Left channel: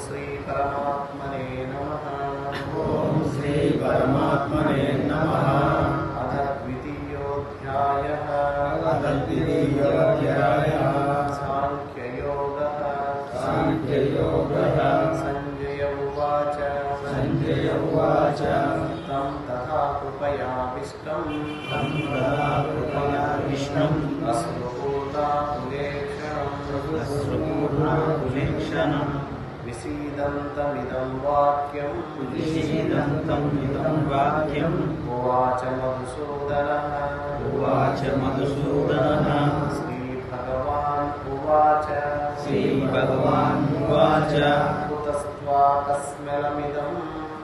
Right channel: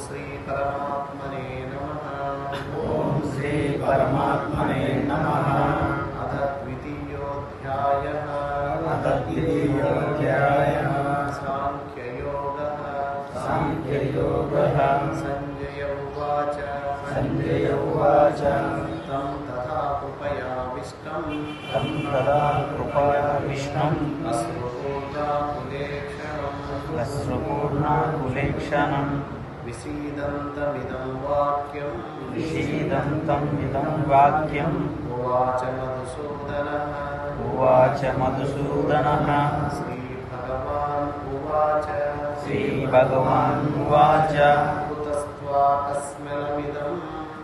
శ్రీ పరమాత్మనే నమ ఓం శ్రీ పరమాత్మనే నమః అథ ద్వితీయోధ్యాయ తద్వితీయోధ్యాయः సాంఖ్యయోగः సాంఖ్యయోగः సంజయ ఉవాచ సంజయ ఉవాచ తం తథా కృపయావిష్టం తం తదా కృపయావిష్ణం అశ్రుపూర్ణాకులేక్షణం యశ్రుపూర్ణాకులీక్షణం విసీదంతమిదం వాక్యం విషీదంతం ఇదం వాక్యం ఉవాచ మధుసూదనः ఉవాచ మధుసూదనः శ్రీభగవాన్ ఉవాచ శ్రీభగవాన్ ఉవాచ కుతస్త్వాకస్మిలమిదం కుతస్మాకస్మలమిదం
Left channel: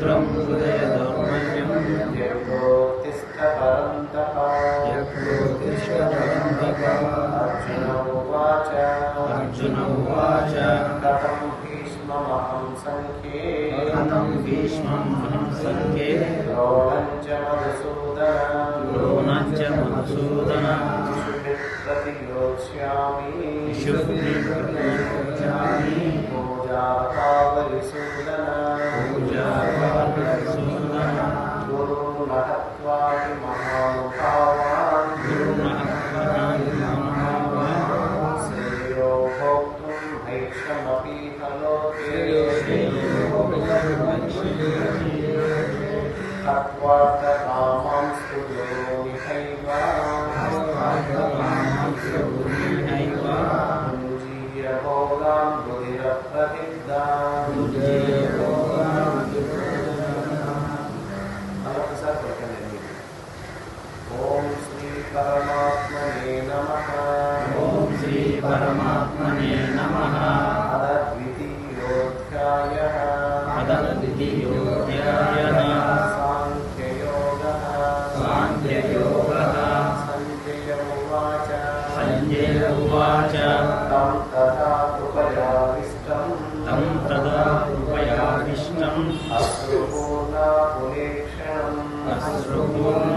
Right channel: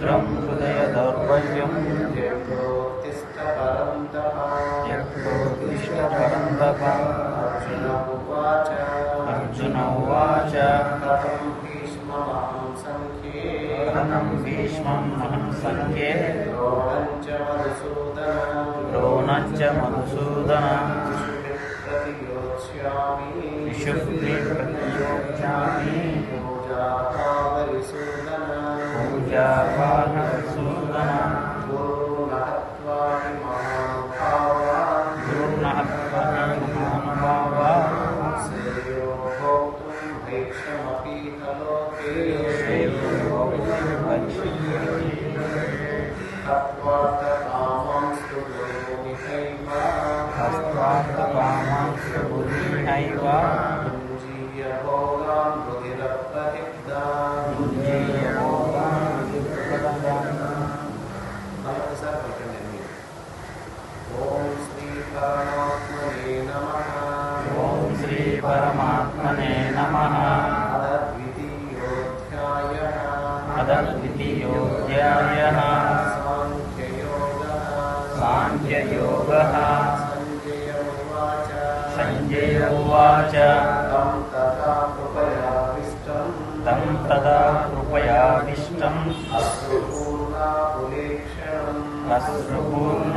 भद्रं कुले अर्जुन उवाच अर्जुन उवाच। कथं भीष्ममहं सङ्ख्ये कथं भीष्ममहं सङ्ख्ये च मधुसूदनं। द्रोणं च मधुसूदनं। प्रतियोत्स्यामि पूजा परमात्मने नमः। ॐ श्री परमात्मने नमः। अद्वितीयोऽध्यायः। अद्वितीयोऽध्यायः। साङ्ख्ययोगः। साङ्ख्ययोगः। सञ्जय उवाच सञ्जय उवाच तं तथा कृपयाविष्टं तं तदा कृपयाविष्टम्। इष्टम् अश्रुलेक्षणम् अश्रु न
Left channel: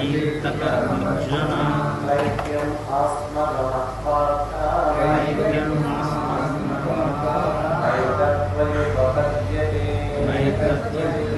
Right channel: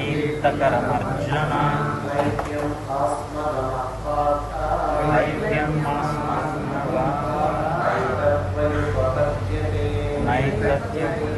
तीर्थकरमर्जन नैत्यं मनस्मन्नः नैतत्त्वयुपपद्यते नैतत्त्वयुपपद्यते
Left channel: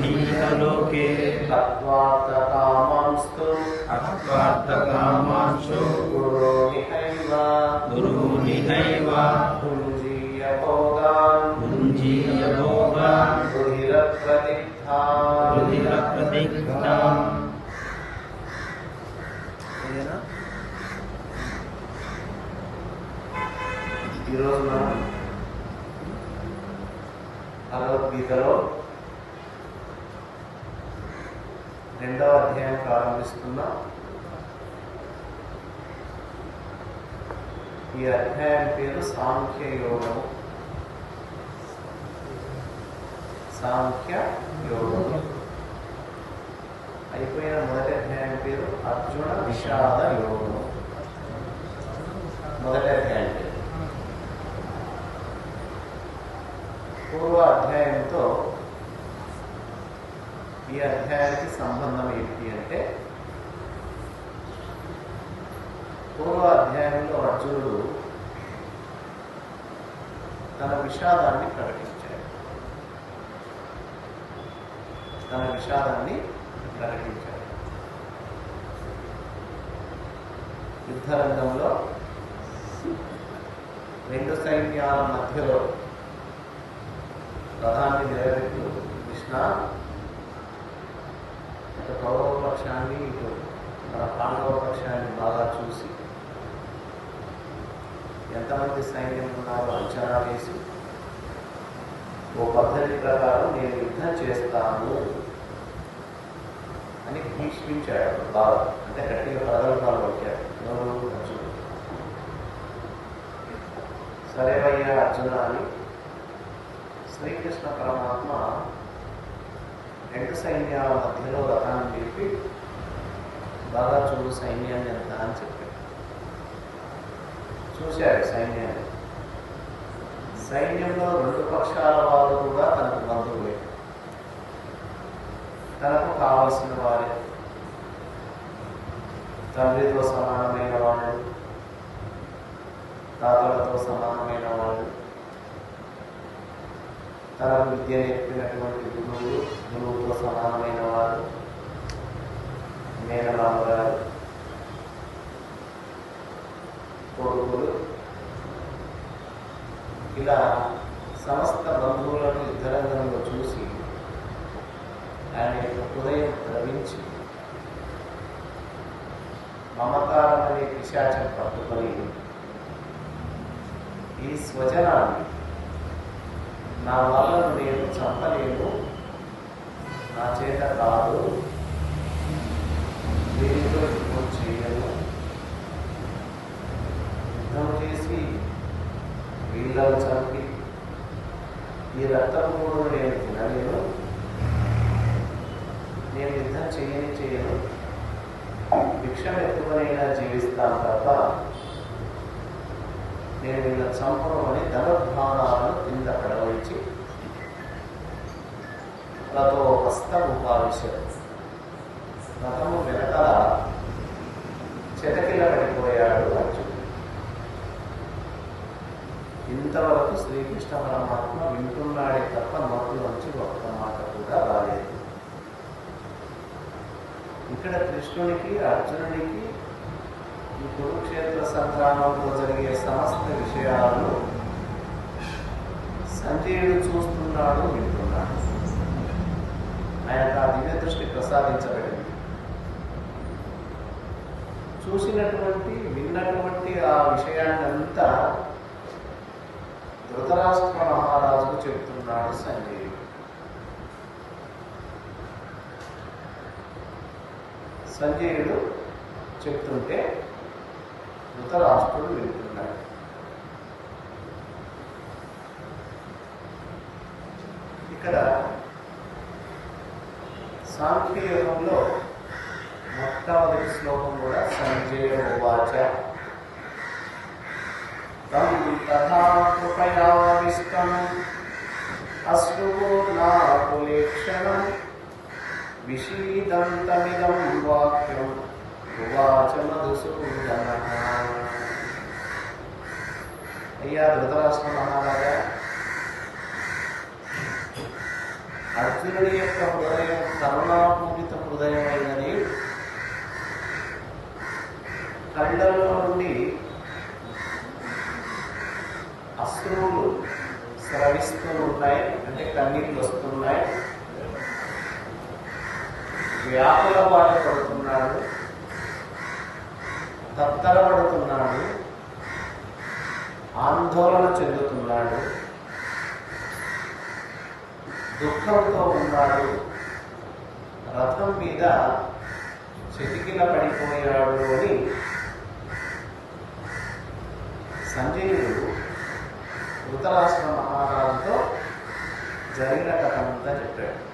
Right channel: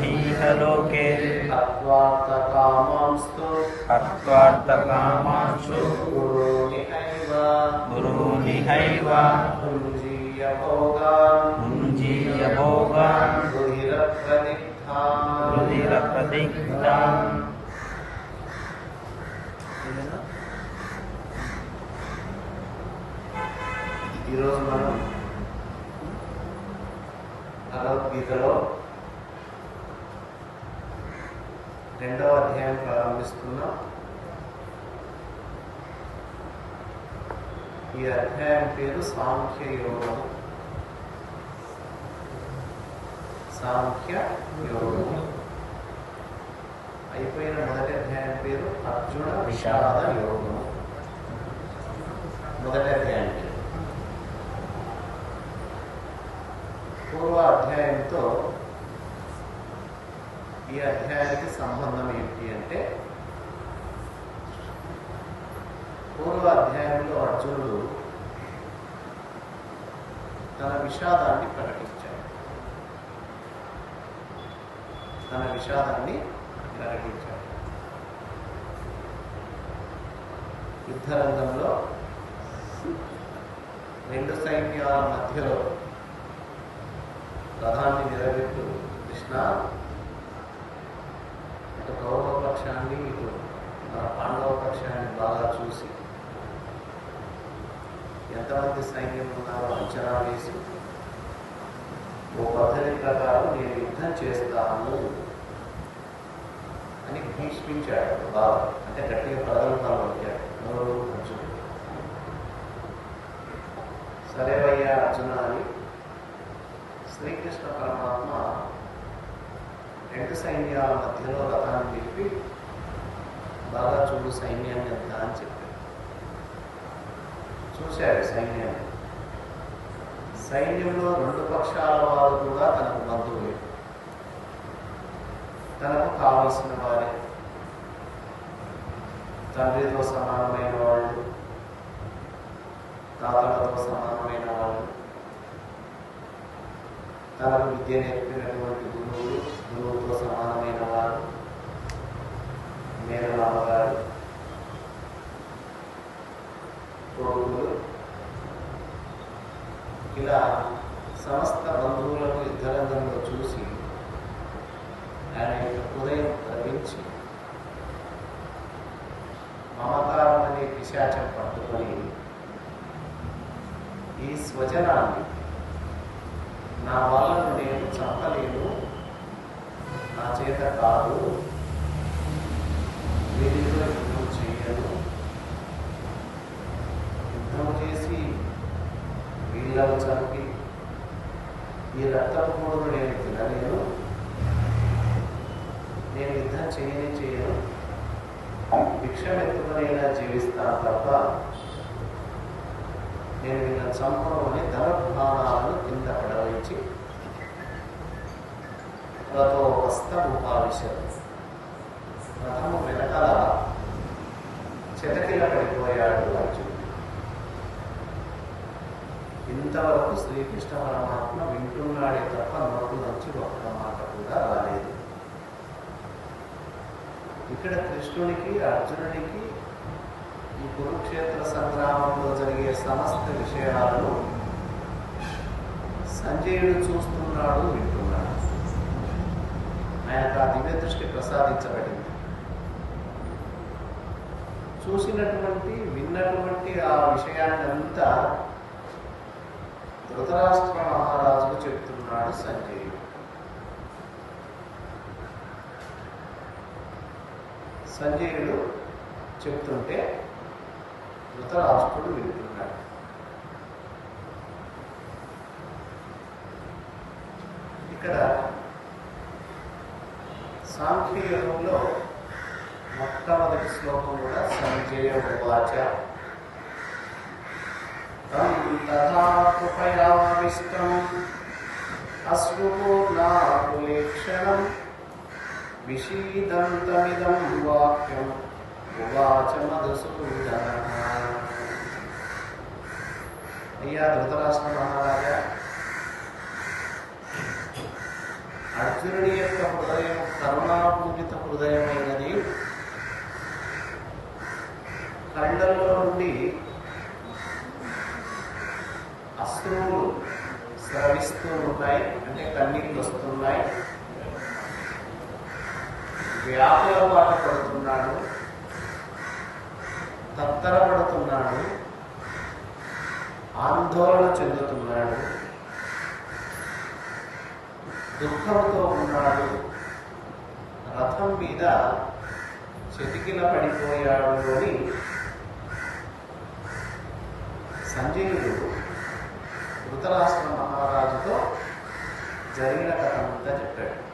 వైక్షమహీహలోకే तत्त्वार्थकामांस्तु తత్వార్థకామాంశు गुरोनिहैव గురునిహైవ पुञ्जीय भोगान् భుంజీయ భోగాన్ रुधिरप्रदिग्धान् రుధిర ప్రతిగ్ధాన్ ఈరోజు మనం భగవద్గీతలో రెండవ అధ్యాయం ప్రారంభిస్తున్నాం. ఈ అధ్యాయం పేరు సాంఖ్య యోగం సాంఖ్య యోగం అయిపోయిన మొదటి అధ్యాయం పేరు అర్జున విషాద యోగము. మొదటి అధ్యాయం పేరు. పూర్వ అధ్యాయంతో ఈ అధ్యాయానికి సంబంధం ఏంటి అంటే పూర్వ అధ్యాయంలో అర్జునుడు తన విషాదాన్ని ప్రకటించాడు. తన విషాదాన్ని ప్రకటించాడు. యుద్ధరంగంలో రెండు సైన్యాల మధ్యలో రథాన్ని నిలబెట్టు కృష్ణ ఇటు కౌరవ పక్షాన్ని ఇటు మన పాండవ పక్షాన్ని బాగా చూసి ఎంతమంది సైన్యం ఉన్నారో అంచనా వేసి ఓ పద్ధతి ప్రకారం నేను యుద్ధం చేస్తాను అని భీష్మించాడు బాబు. అంటే గట్టిగా ప్రగల్భాలు వచ్చాడు ఎవరు అర్జునుడు? సరేవయ్యా అర్జున అని శ్రీకృష్ణ పరమాత్మ రెండు సైన్యాల మధ్యలో రథాన్ని నిలిపి బాగా చూడు సైన్యాన్ని ఎంత అని చెప్పాడు చూశాడు సైన్యాన్ని. సైన్యంలో రెండు పక్షాల వారు కూడా తనకు బంధువులే. తనకు కావలసిన వారే. తండ్రితో సమానమైన వాళ్ళు తాతలతో సమానమైన వాళ్ళు తనకు విద్య నేర్పినటువంటి గురువులు గురువుతో సమానమైన వారు. మేనమామగారు కొడుకులు. ఇలా సమస్త బంధువులను యుద్ధరంగంలో చూసి ఆయన యొక్క హృదయం ద్రవించి మమకారం అనే పిశాచం పట్టుకొని ఈ స్వజనాన్ని నా వల్ల నేను చెప్పలేను నా చేత కాదు. దీనితో యుద్ధం చేయను. యుద్ధం చేసి వీళ్ళను చంపి ఈ రక్తపు మూడును నేను తినలేను. నేను యుద్ధం చేయని చేయను. భిక్షం ఎత్తుకునైనా జీవిస్తాను తప్ప నేను నిన్న చంపను అని ధనుర్భాణాలను కింద పడవయించి రథో హస్తముపావిశారు రథము వెనకాల చెతకిల పడిపోయాడు అర్జునుడు ఇంతవరకు శ్రీకృష్ణ పరమాత్మ వింటున్నాడే తప్ప నోట్లోంచి ఒక్క మాట కూడా రాలేదు. ఇక్కడ కృష్ణునికి అర్జునుడికి ఈ కురుక్షేత్ర సంగ్రామంలో జరిగే సమస్త విషయాలను సంజయుడు చూస్తున్నాడు వింటున్నాడు. ఆయనకు ఆ దివ్య దృష్టి ప్రసాదించబడింది. చూసినటువంటి విన్నటువంటి ఆ విషయాన్ని అంతా ధృతరాష్ట్ర మహారాజుకు చెప్తున్నాడు సంజయుడు. సంజయుడు చెప్తుంటే ధృతరాష్ట్రుడు వెళ్తున్నాడు. ఇక్కడ సాంఖ్యయుగంలో మొట్టమొదటి శ్లోకం కూడా సంజయ ఉవాచ తం తథా కృపయావిష్టం అశ్రుపూర్ణాకులేక్షణం విషీదంతమిదం వాక్యం. ఉవాచ మధుసూదన అయ్యా ధృతరాష్ట్ర మహారాజా అర్జునుడి యొక్క హృదయం కరుణాపూరిత హృదయమైనది. కళ్ళల్లో నుండి అశ్రువులు స్రవిస్తూ ఉంటాయి అంటే కన్నీళ్ళు వస్తున్నాయి. వ్యాకుల పాట పడుతున్నాడు. తత్తరపడుతున్నాడు. ఆందోళన చెందుతున్నాడు. దుఃఖంతో ఉన్నాడు. రథం మీద చెతికిల పడిపోయాడు అని సంజయుడు ధృతరాష్ట్ర మహారాజుతో జరిగిన కథ అంతా చెప్పాడు.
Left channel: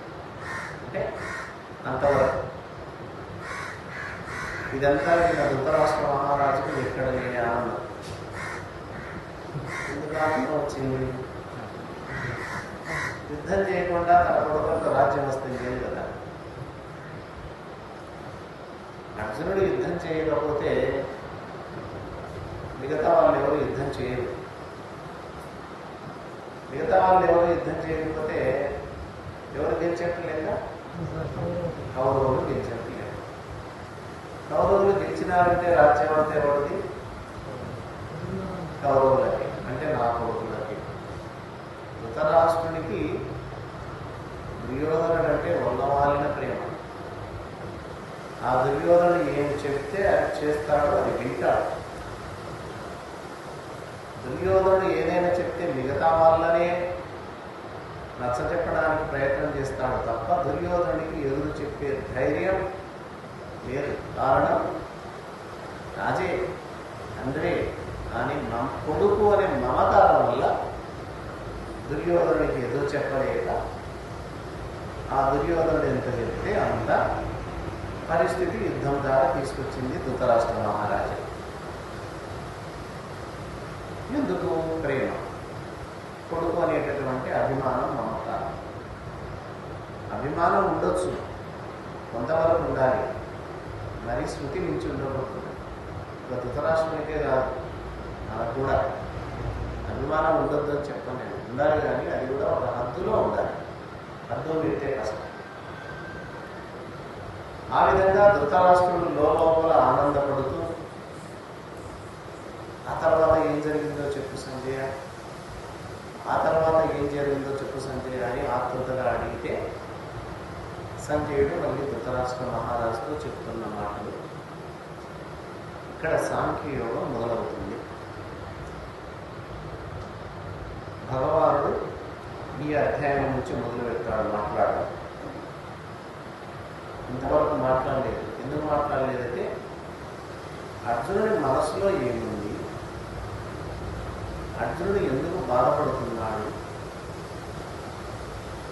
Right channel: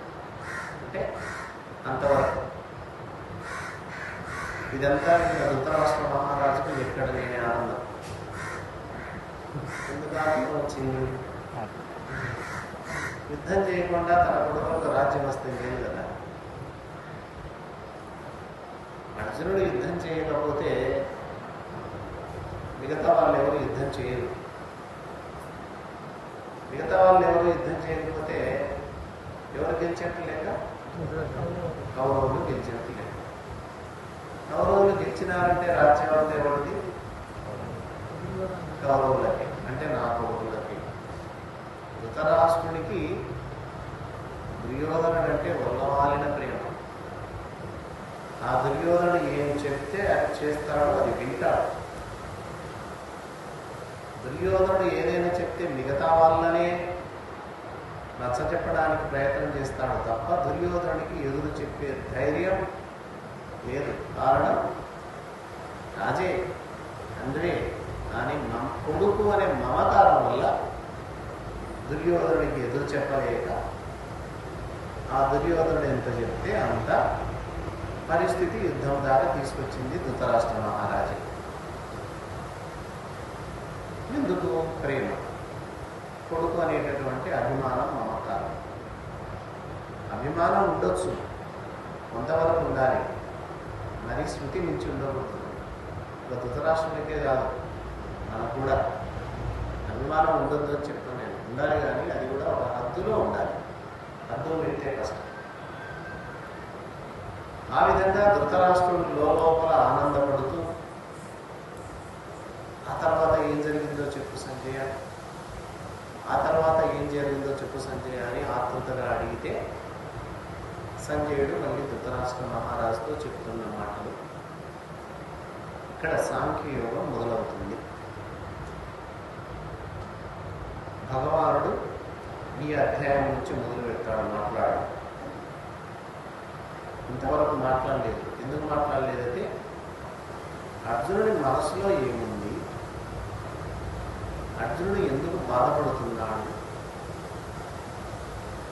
అంటే అంతవరకు ఇదంతా విన్న ధృతరాష్ట్ర మహారాజుకు ఎక్కడ లేని ఆనందం. ఎందుకు వచ్చింది? యుద్ధం చేయకుండా తన కొడుకు ఒక రాజ్యం వస్తే లేదు కదా? అర్జునుడు యుద్ధం చేయకపోతే మిగతా వాళ్ళు ఎవరు యుద్ధం చేయరు. మిగతా వాళ్ళు ఎవరు యుద్ధం చేయకపోతే ఎవరు గెలిచేట్టు లేక కౌరవులు గెలిచేట్టు లేక కౌరవులు గెలిచినారంటే రాజ్యం అంతా ఎవరిది? కౌరవులకి. అంటే నా కొడుకులకి. ధృతరాష్ట్రునికి దుర్యోధనుడు అంటే వల్లవాలిన ప్రేమ. ఆ దుర్యోధనుడు ఏం చెప్తే అది చేస్తాడో అది వింటాడు. దుర్యోధనుడు ఏదైనా చెప్తే మిగతా వాళ్ళనే నచ్చ చెప్పడానికి ప్రయత్నం చేస్తాడు తప్ప దుర్యోధనుడికి ఎదురు చెప్పే ధైర్యం లేదు. కారణం రాజే తండ్రి కానీ మమ కొడుకు అనే మమకారం వల్ల దుర్యోధనుడికి ఎదురు చెప్పలేక ఆ దుర్యోధనుడు ఎంత చెప్తే అంత పరిస్థితి యుద్ధం ద్వారా తీసుకొచ్చింది ధృతరాష్ట్ర మహారాజు. ఎందుకు? ప్రేమ. కొడుకు అనేటటువంటి అభిమానం మమకారం. అభిమానం ఉండొచ్చు. కొంతవరకు ఉండాలి. మరి శృతి మించి ఉండకూడదు. ఇక ధృతరాష్ట్రునికే కాదు మనకు కూడా అభిమానం ఉండొద్దు అని చెప్తాను నేను. ఉండాలి కానీ అది కూడా ఒక హద్దులో ఉండాలి. హద్దు మీరితే కష్టం. ఆ విధంగా ధృతరాష్ట్రుడు లోపల ఆనందపడుతూ ఆ తర్వాత ఏం జరిగిందో చెప్పు సంజయ. ఆ తర్వాత ఏం జరిగిందో చెప్పు సంజయ అని ఆతృతగా అడిగితే సంజయుడు మళ్ళీ ధృతరాష్ట్ర మహారాజుతో చెప్తున్న మాటలు. ఇక్కడ సాంఖ్యయోగం మొదలవుతుంది. భగవానుడు ఈ అధ్యాయం నుంచి మొదలు పెట్టాడు మాట్లాడడం. ఇంతవరకు మాట్లాడలేదు. ఎందుకు మాట్లాడలేదంటే అర్జునుడి మనసులో ఏముంది? అర్జునుడు ఎందుకు బాధపడుతున్నాడు?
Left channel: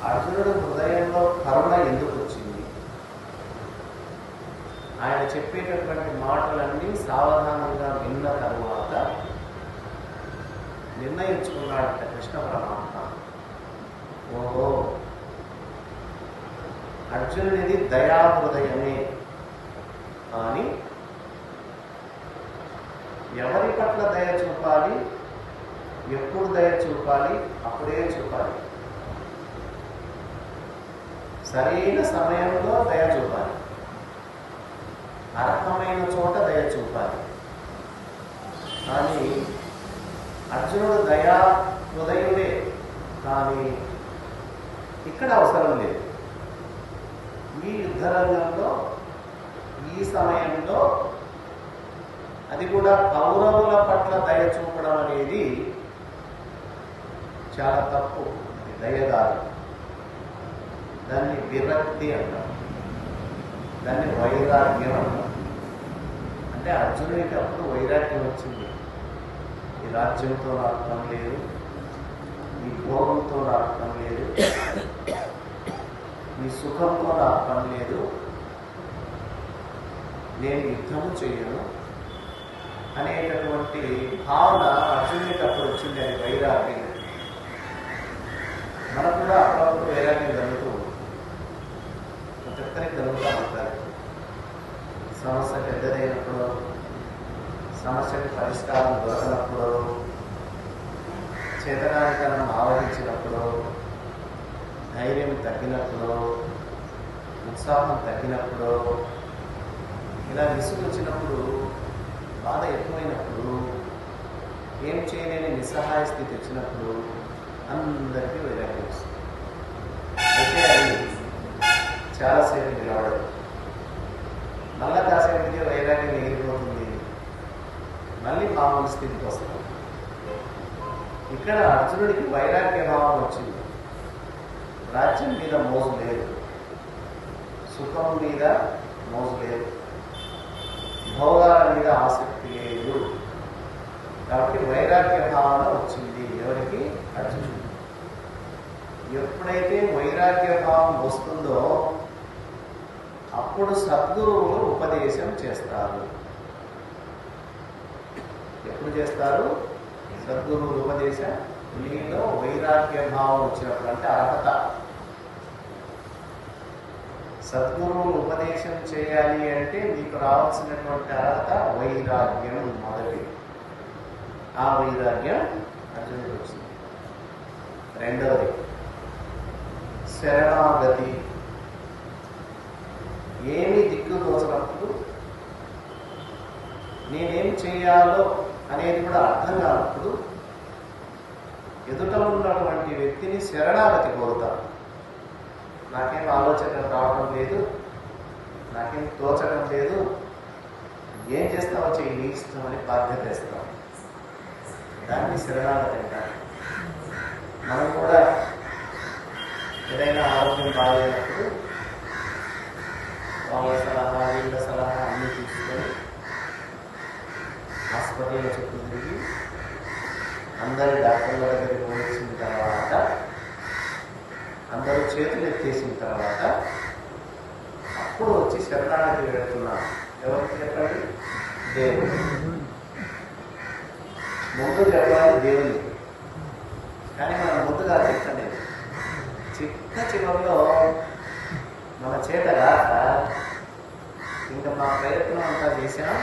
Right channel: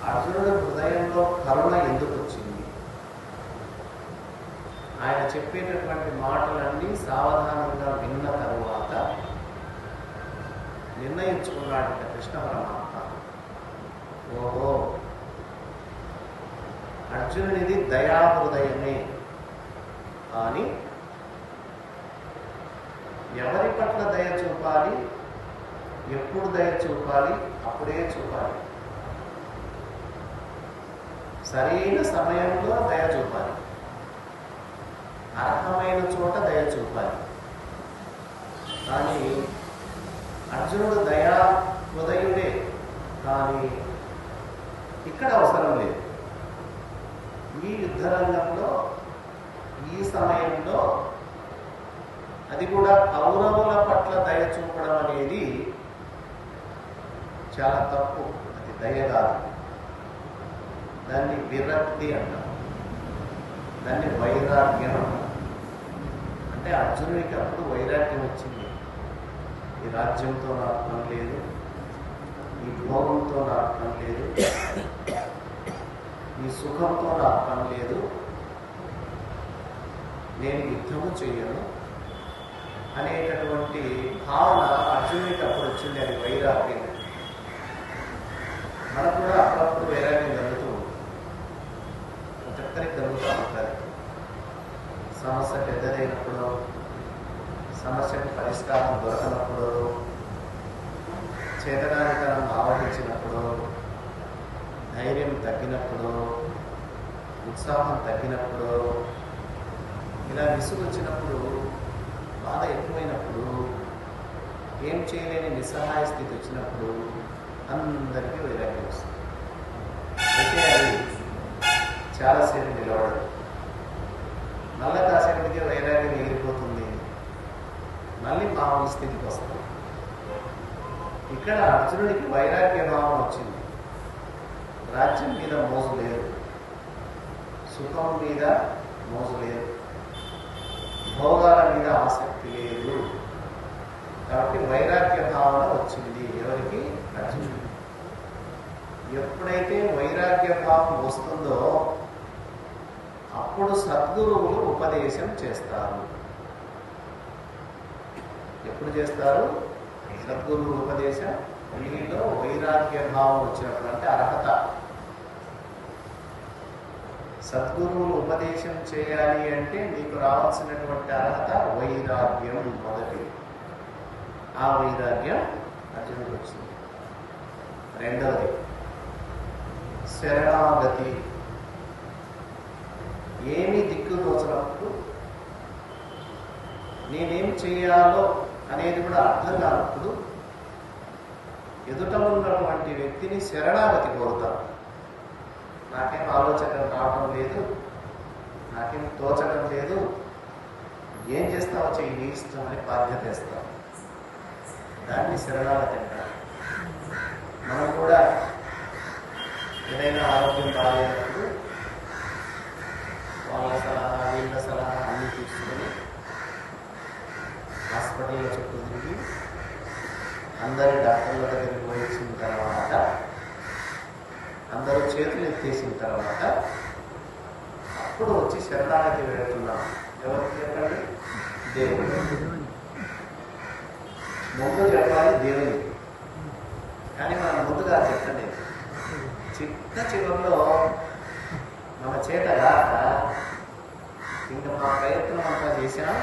అర్జునుడు హృదయంలో కరుణ ఎందుకు వచ్చింది? ఆయన చెప్పేటటువంటి మాటలన్నీ సావధానంగా విన్న తరువాత నిర్ణయించుకున్నాడట కృష్ణ పరమాత్మ. ఓహో! అర్జునుడిది దయాహృదయమే అని ఎవరి పట్ల దయ చూపాలి? ఎప్పుడు దయ చూపాలి? అప్పుడే చూపాలి. సరైన సమయంలో దయ చూపాలి. అర్హమైన చోట దయ చూపాలి. కానీ అర్జునుడు దయా హృదయుడే కానీ ఇక్కడ అవసరం లేదు. ఈ యుద్ధరంగంలో ఈ సమయంలో అది కూడా కౌరవుల పట్ల దయ చూపడం అనేది చాలా తప్పు. అది దయ దాన్ని విరక్తి అంటాం. దాన్ని వైరాగ్యం అంటాం. అంటే అర్జునుడికి అప్పుడు వైరాగ్యం వచ్చింది. ఈ రాజ్యంతో నాటడం లేదు. ఈ భోగంతో నాటడం లేదు. ఈ సుఖంతో నాటడం లేదు. నేను యుద్ధము చేయను అనేటటువంటి భావన అర్జునుడికి అప్పుడు వచ్చింది. అది వైరాగ్యం. మనకు కూడా అప్పుడప్పుడు వైరాగ్యం జరుగుతుంది ప్రతి ఒక్కరికి కలుగుతూ ఉంటుంది సమస్య పెద్దదైనప్పుడు సమస్యకు పరిష్కారం దొరకనప్పుడు చేతనానికనం ఆవహించినప్పుడు ధైర్యం తగ్గినప్పుడు ఉత్సాహం తగ్గినప్పుడు ఇలా విసుగు వచ్చినప్పుడు బాధ ఎక్కువైనప్పుడు ఏం చేయలేని నిస్సహాయ స్థితి వచ్చినప్పుడు అందరికీ వైరాగ్యం వస్తుంది. చాలాసేపు నిలబడదు మళ్ళా కాసేపటికి వైరాగ్యం ఎగిరిపోతుంది మళ్ళీ మామూలు స్థితికి వస్తాం ఇక్కడ అర్జునుడికి వైరాగ్య భావం వచ్చింది. రాజ్యం మీద మోజు లేదు. సుఖం మీద మోజు లేదు. భోగాల మీద ఆసక్తి లేదు. కాబట్టి వైరాగ్య భావన వచ్చింది. ఎవరికి? అర్జునుడు ఎప్పుడైతే వైరాగ్య భావం వస్తుందో అప్పుడు సద్గురువులు ఉపదేశం చేస్తారు. ఎప్పుడు చేస్తారు? సద్గురువులు ఉపదేశం మీలో వైరాగ్య భావం వచ్చినప్పుడు అంటే అర్హత. సద్గురువులు ఉపదేశం చేయాలి అంటే మీకు రావాల్సినటువంటి అర్హత వైరాగ్యం మొదటి. ఆ వైరాగ్యం అర్జునుడు వచ్చింది. రెండవది శరణాగతి. ఏమీ దిక్కు తోచినప్పుడు నేనేం చేయాలో అనేది కూడా అర్థం కానప్పుడు ఎదుట ఉన్నటువంటి వ్యక్తిని శరణాగతి కోరుతాను నాకేం ఆలోచన రావటం లేదు నాకేం తోచడం లేదు. ఏం చేస్తావో చెయ్యి నీ ఇష్టం అని బాధ్యత ఇస్తాం దాన్ని శరణాగతి అంటారు. మనం కూడా ఏదైనా ఆరోగ్యం బాగాలేనప్పుడు వాళ్ళ సలహా వీళ్ళ సలహా అన్ని తీసుకొని హాస్పిటల్ చుట్టూ తిరిగి అందరి డాక్టర్ల దగ్గరికి వచ్చిన తర్వాత అందరూ చేతులు ఎత్తేసిన తర్వాత అప్పుడు వచ్చి శరణాగతి వెళుతున్నాం ఎవరికి చెప్పండి? దేవుడు. ముందు చెప్పాలి దేవుని కానీ మనం ముందుగా చెప్పండి చిన్న చివరిలో మన చేత కాక ఇంకా మా ప్రయత్నం అంతా చేశాం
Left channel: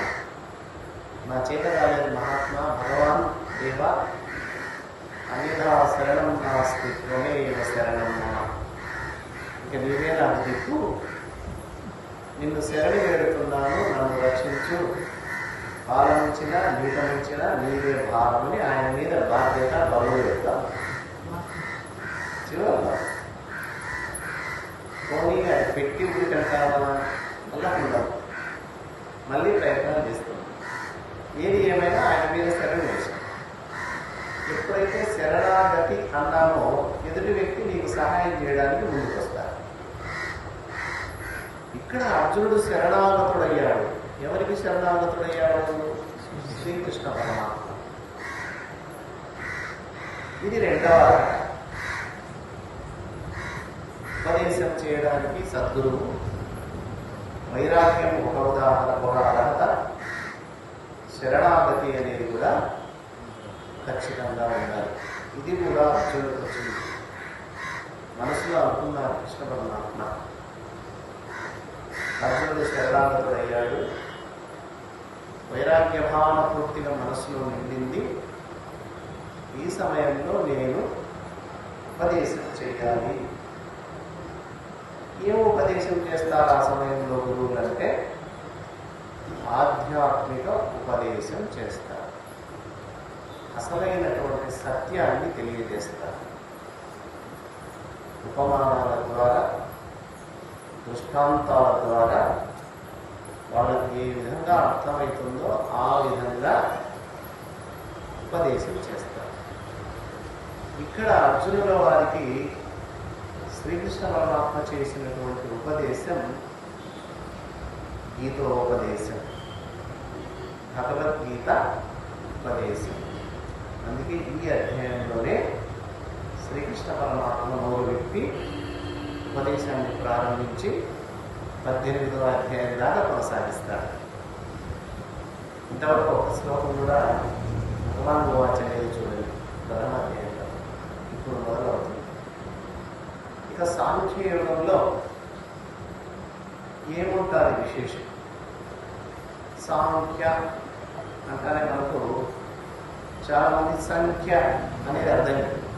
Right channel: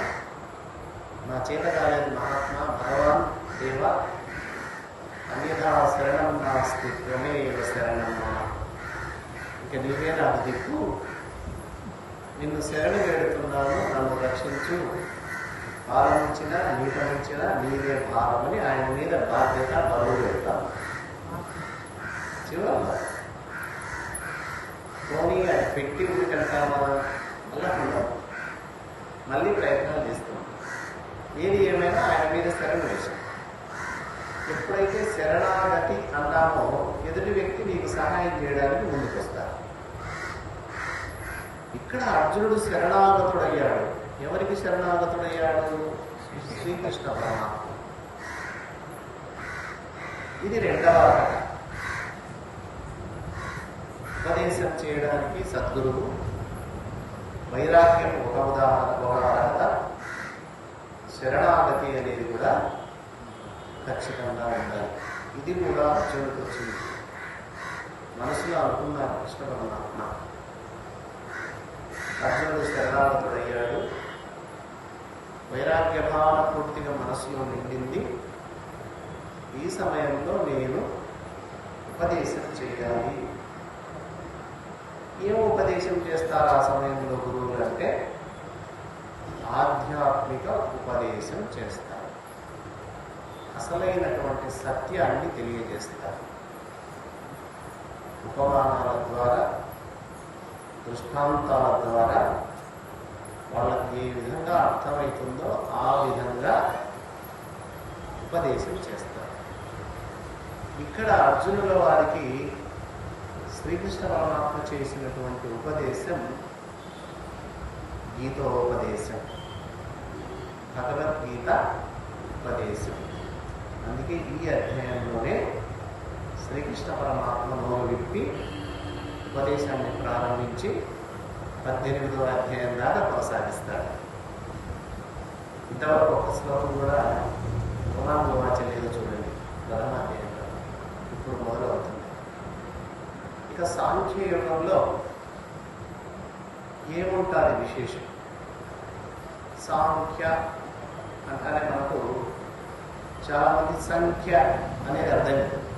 నా చేత కాలేదు మహాత్మా భగవాన్ దేవ అన్యథా శరణం నాస్తి త్వమేవ శరణం మమ ఇక నీవే నాకు దిక్కు. నిన్ను శరణి వేడుతున్నాను నన్ను రక్షించు. పాలనించిన నీతమించిన నీవే భారమని ఆయన మీద బాధ్యత బరువు పెడతాం చివరి పోనీ అది పెట్టి ఊరికంటామా మళ్ళా ఉండాలి మళ్ళీ ప్రయత్నాలు చేస్తాం. ఏది ఏమైనా ఆయన మీద శరణు వేశాం ఎప్పుడైతే శరణాగతి అన్నామో ఎదుటి వ్యక్తి నీకు సహాయం చేయడానికి ముందుకొస్తారు ఇక్కడ అర్జునుడు శరణాగతుడయ్యాడు. ఎవరికి శరణాగతుడయ్యాడు? శ్రీకృష్ణ పరమాత్మ. ఇది రెండవ అర్హత ఉపదేశం చేయడానికి సద్గురువు వైరాగ్యం ఒక ఉదాహరణ ఒక అర్హత. శరణాగతి అనేది కూడా ఖచ్చితంగా ఉండాలి. ఇది కూడా అర్జునుడికి వచ్చింది. మనసులో అనుకున్నారు కృష్ణ పరమాత్మ అర్జునుడు శరణాగతుడయ్యాడు. వైరాగ్య భావన పూర్తిగా మనసులో నిండింది. ఈ సమయంలో నేను ఉపదేశం చేయాలి. ఏం ఉపదేశం చేస్తారు ఆ సమయంలో గురువులు అంటే? ఆధ్యాత్మిక ఉపదేశం చేస్తారు. అసలైనటువంటి సత్యాన్ని తెలియజేస్తారు. ఉపమానాల ద్వారా దృష్టాంతాల ద్వారా వాళ్ళకి ఏ విధంగా అర్థమవుతుందో ఆ విధంగా ఉపదేశం చేస్తారు. ఇక్కడ అర్జునుల వారికి శ్రీకృష్ణ పరమాత్మ చేసినటువంటి ఉపదేశం గీతోపదేశం. భగవద్గీత ఉపదేశం. అందుకే ఈ అధ్యాయంలోనే శ్రీకృష్ణ పరమాత్మ నోరు విప్పి ఉపదేశాన్ని ప్రారంభించి పద్దెనిమిదవ అధ్యాయం దాకా కొనసాగిస్తాడు ఇంతవరకు ఒక శ్లోకం కూడా భగవాన్ గోవాచలేదు చూడండి ప్రథమ అధ్యాయంలో ఇప్పుడు మొదలవుతుంది. ఇక సాంఖ్య యుగంలో ఏముంటారు విశేషం? సాంఖ్య అంటేనే మనకు చాలా మంది సంఖ్య అనేది అర్థమవుతుంది